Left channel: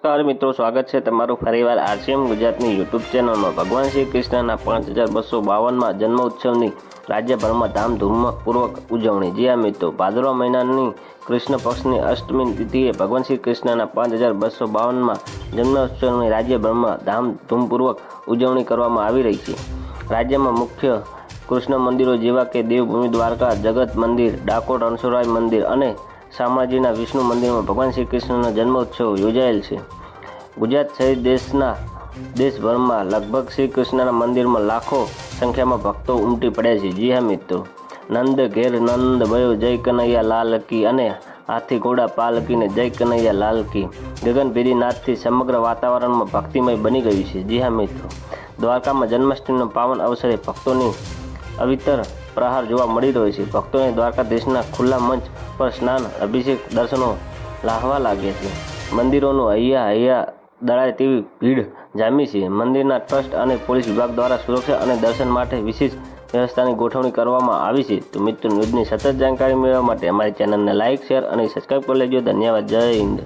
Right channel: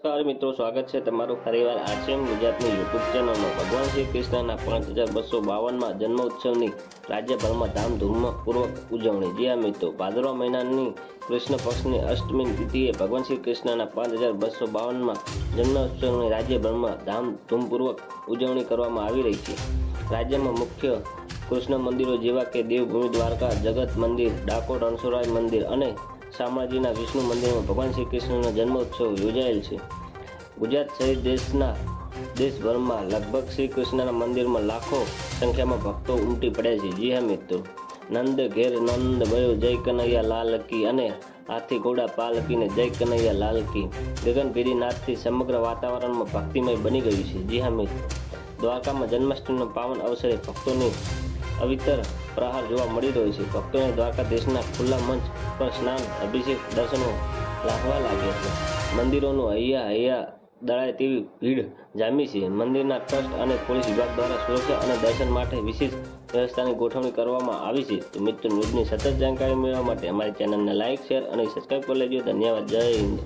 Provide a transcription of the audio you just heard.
નમસ્કાર મિત્રો, સ્વાગત છે તમારું ફરીવાર આરસીએમ ગુજરાતની યુટ્યુબ ચેનલમાં ભગવાન શ્રી કૃષ્ણના પાંચ હજાર બસો બાવનમાં જન્મ ઉત્સવની રાજ્યભરમાં ધામધૂમપૂર્વક ઉજવણી. જી હા મિત્રો, ભાદરવા મહિનાની કૃષ્ણ પક્ષની અષ્ટમી તિથિએ ભગવાન શ્રી કૃષ્ણના પાંચ હજાર બસો બાવનમાં જન્મોત્સવની રાજ્યભરમાં ધામધૂમપૂર્વક ઉજવણી કરવામાં આવી રહી છે. રાજ્યમાં મુખ્ય કૃષ્ણ મંદિરો જેવા કે દેવભૂમિ દ્વારકા, જગત મંદિર, ડાકોર રણછોડરાય મંદિર અને શામળાજીના વિષ્ણુ મંદિરમાં ભગવાન શ્રી કૃષ્ણનો જન્મોત્સવ યોજાયેલ છે. ગુજરાત સહિત દેશના, દેશભરમાં લગભગ શ્રી કૃષ્ણના મંદિરમાં લાખો સંખ્યામાં ભક્તો ઉમટી પડ્યા છે. જી હા મિત્રો, નંદ ઘેર નંદ ભયો, જય કનૈયા લાલ કી અને હાથી ઘોડા પાલકીને જય કનૈયા લાલ કી. ગગનભેરી નાથથી સમગ્ર વાતાવરણમાં ભક્તિમય બની ગયું છે. જી હા મિત્રો, દ્વારકામાં જન્માષ્ટમીનો પાવન અવસરે ભક્તોની અવિતર પ્રહાર જોવા મળી રહ્યો છે. ભક્તોને દ્વારકાધીશના ખુલ્લા મંચ પર સ્નાન, અભિષેક, દર્શનો લાહવા લાગ્યા છે. મંદિરોનું હૈયા હૈયા દળાય તેવી ભીડ જામી છે. મંદિરના ટ્રસ્ટ અને પોલીસ વિભાગ દ્વારા સુરક્ષા અને દર્શન માટે વિશેષ વ્યવસ્થાની ગોઠવણી કરવામાં આવી છે. તો મિત્રો, ન્યૂઝની સતત જાણકારી મેળવવા માટે અમારી ચેનલને લાઇક શેર અને સબસ્ક્રાઈબ કરી લેજો. ધન્યવાદ. જય હિન્દ.